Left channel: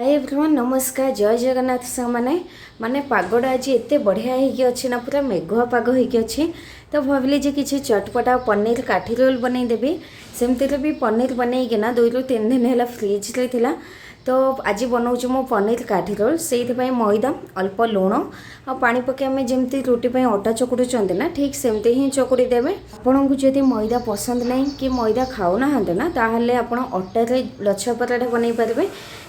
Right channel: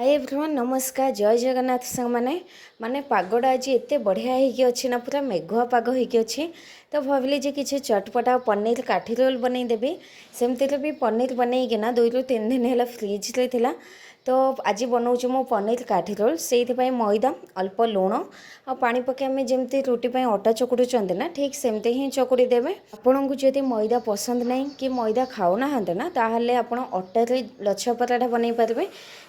Hi everyone नमस्कार जय जगन्नाथ सामने माने पागड़ा आज एत बढ़िया होगी ना पूरा मेघुआ पाग होगी तो भाविली जे किसी चटपटा पनीर काठी रोल बनईदेवी सेमती भी पनीर बनईकिना 2 ରୁ 3 दिन है फ्रिज रे थिला तो आज बनाऊँ मो पनीर काठी रोल से मैदा अल्प लुण आ पानी पके आम जमी रुटी अटा चकुड़ुंट ना ठीक सेमती ही चकुड़ी देवे। आपन को जदि मैदा पसंद नहीं कि मैदा खाऊना ना ताहले आपण अटारे लच्छा पराठा बनई पारे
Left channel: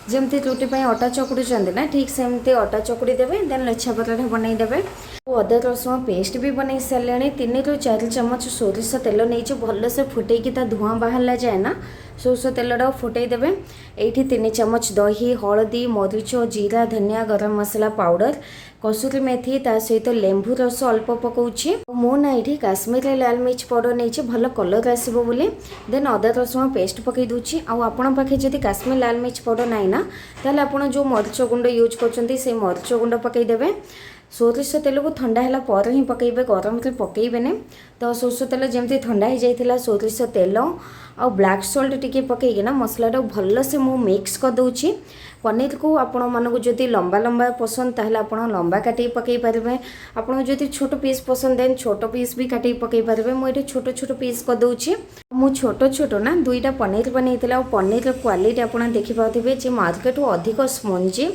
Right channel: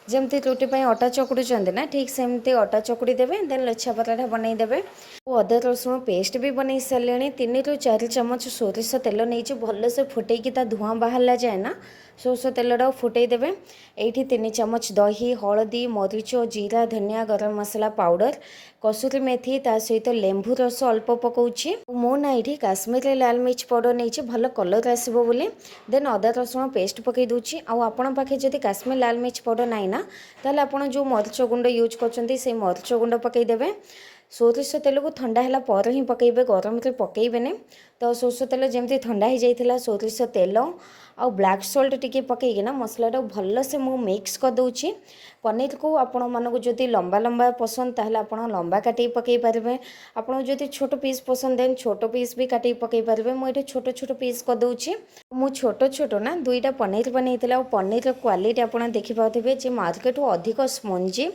जमती रुटी अटा चकुड़ुंट ना ठीक सेमती अटा चकुड़ी देवे देन लच्छा पराठा बनई देवे। अदा रसुण पेस्ट भी बनई सारे 3 ରୁ 4 ଚାମଚ सोरिष तेल नहीं भलसे फुटेकी धुआं बाहर जाए ना सोरिष तेलटा फुटई देवे। ये 3 ଚାମଚ दही हलदी मरीच जीरा धनिया गरम मसला पाउडर कसुरी मेथी ता सहित लेंबू रस अल्प पकाउछि मो ना ये काश्मीरी लाल मिर्च पाउडर नहीं भल कलर आसो बोली देन अदा रसुण पेस्ट पकई दूची आपण पाखे जदि काश्मीर लाल मिर्च पाउडर ना ना ताले आपण जो मरीच गुंड यूज करछंती से मरीच गुंड पकई देवे। सोरिष तेल को ठंडा है पर ही पकईबे गरम से पकईबेनि तो सोरिष तेल जमी ठंडा हो जाता सोरिष तेल आ ब्लैक सॉल्ट टिके पकईकिना मसलाटा भल से मु मिक्स कर दूची। पनीर को आपण मानक जदि लंबा लंबा पसंद ताहले आपण लंबा काटी पकई पारे आपण जदि छोट पीस पसंद देन छोट पीस भी काटी पकई पारे मुझे छोट छोट पीस कर दूची मु छोट छोट ना 2टा पनीर बनईला और पनीर क्वालिटी आप देखिपे जे मार्केट अधिक स्पंजी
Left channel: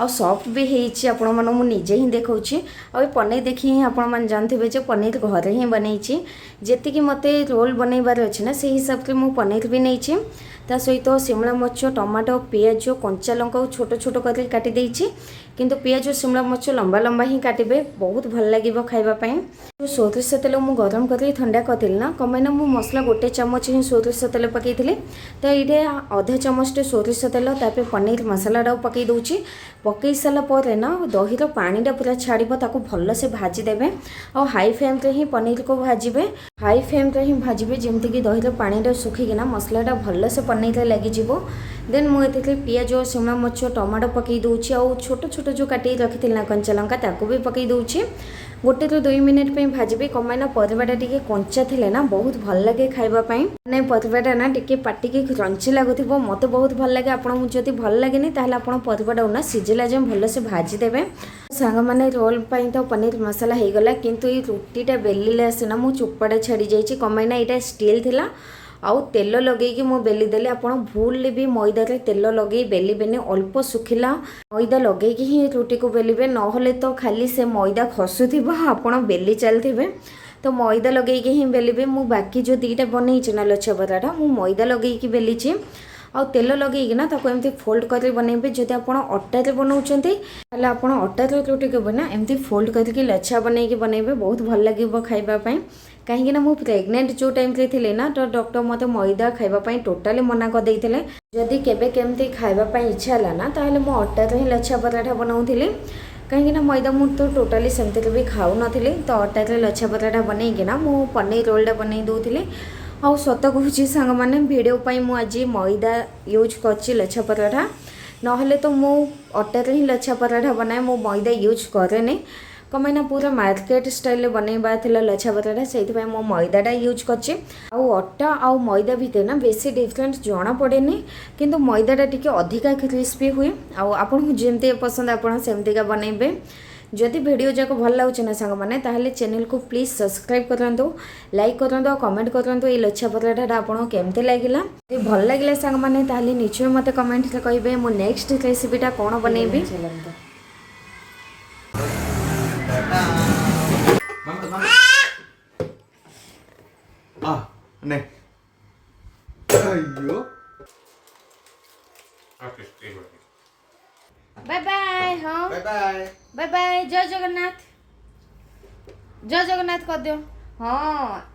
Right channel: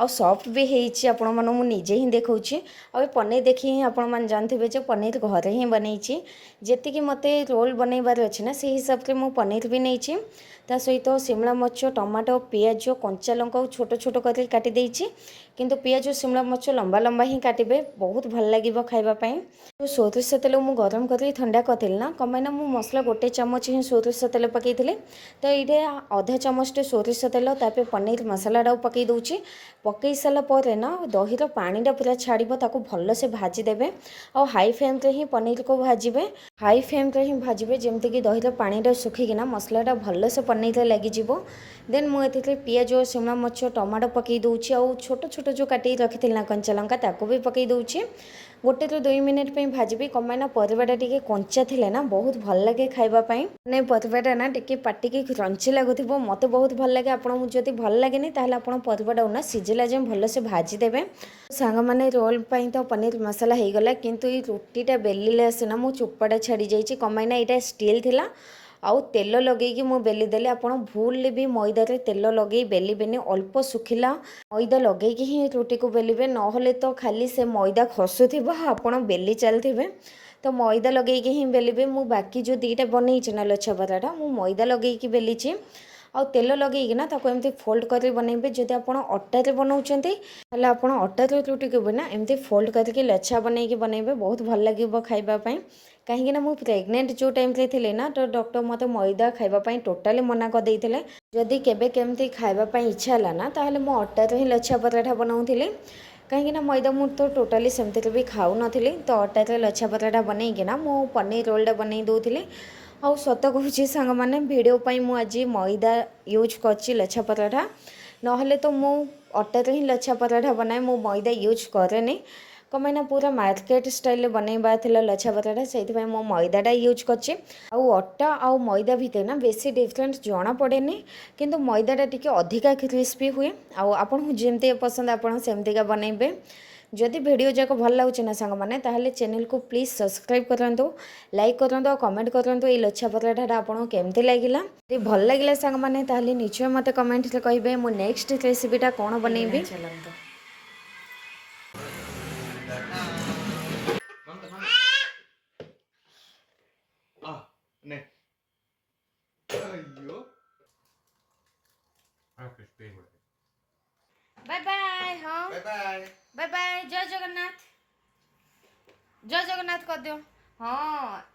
आ सॉफ्ट भी होती आपण मन मुझे ही देखी आ पनीर देखी ही आपण मैंने जानते जो पनीर घरे ही बनई जी मत रोल बनइबार अच्छे ना से हिसाब से मुझे पनीर भी नहीं ता सहित शिमला मर्च टमाटो पियाज कंचा लंका छोट छोट कर काटी देछि किंतु पियाज शिमला मर्च लंबा लंबा ही काटे बहुत भल लगे खावाई। जो सोरिष तेल मु गरम कर ठंडा करी ना कमेना मु मसला 1 ଚାମଚ ही सोरिष तेल पकई तो ये आधा चामच सोरिष तेल तापर पनीर मसाला पकई दूची पकई सारापर ना दहीर पानीटा पूरा छाड़ भल से भाजीदेवे आ हाई फ्लेम रे ही पनीर को भाजबे हाई फ्लेम रे ही भाजबे जमती कि दहीर पानीटा सुखिकिना मसलाटा भल से पनीर लगी देन मुझे पियाज शिमला मर्च टमाटो पकई दूची आ छोट छोट जो काटी रखी ना कंचा लंका ताको भी पकई दूची 1 ରୁ 2 मिनट पे भाजबी कमाना परिवाटा टिके कंचा थिले ना बहुत भल लगे खाइबापी नहीं परिवाटा ना टिके पाटी की क्रंची लगुथिबो मते बहुत भल लगे आपन जदि भल लगेनी ताहले आपन परिवाटा ना सिझिला जे भल से भाजी देबे। सांग माने रोल पई तो पनीर मसाला हे गला किंतु ई रोटीटा बेलिले आसेना मु चोपाटा छाड़ी जाईची कमाइना एटा स्टील थिला आउ तेल लगे मु बेली देले आपन भूल भी मैदा रे तेल लगे बेलिबेनी अल्प सुखिला मैदा लगे ही रोटी को बेलिबे नहले तो खाली से मैदा खसुथिबो आपन बेली चलथिबे तो मैदा लगे ही बेलिबे। मु बाकी जो 2टा बनई ना लच्छा पराठा मु मैदा लगे बेलीची आ तेल लगे ताको एमती फोल्ड कर बनइबे जदि आप अटारे बनाऊँचे आप अटारे रोटी को ना एमती फोल्ड करके लच्छा बनइबे बहुत भल लगे खाइबापी कहीं ना मुझे प्रेग्नेंट जो टाइम रे थिले ना तो डॉक्टर मत मैदा खाइबापी टोटाली मना कर देइथिले जदि केबे केमती खाइबापी इच्छा है ना ताहले मु अटारे ही लच्छा पराठा बनाऊली कहीं मैदा मुझे तो टोटाली सेमती भी खाऊ नथिली तो अटारे लच्छा पराठा बनईकिना मु पनीर रोलटा बनई दूली आ सत कहूँ सांग मैंने भिडियो मु आज मैदा यूज कर लच्छा पराठा नहले तो मु अटारे ही लच्छा पराठा बनाए मु मैदा यूज करे कमाइना पूरा मार्केट स्टाइल बनइबा थिला लच्छा पराठा से मो मैदाटा यूज करछि आउ अटा आउ मैदा भितर ना बेसी डिफरेंट जना पड़ेनी किंतु मैदाटा टिके अधिका क्रिस्पी हुए आउ आपन जेमती पसंद आपन सेमतीका बनइबे। जदि वीडियो जाक भल लगे ना सांग मैंने ताहले चैनल को प्लीज सब्सक्राइब करंतु लाइक करंतु कमेंट करंतु ये लच्छा पराठा आपन केमती लागिला यदि भल लागिला सांग मैंने ताहले निश्चय मते कमेंट रे कहिबे मो नेक्स्ट रेसिपीटा कोन बनइबी। नहीं अयो बाय बाय हाँ बाय बाय बाय बाय जय जगन्नाथ कर दो हाँ।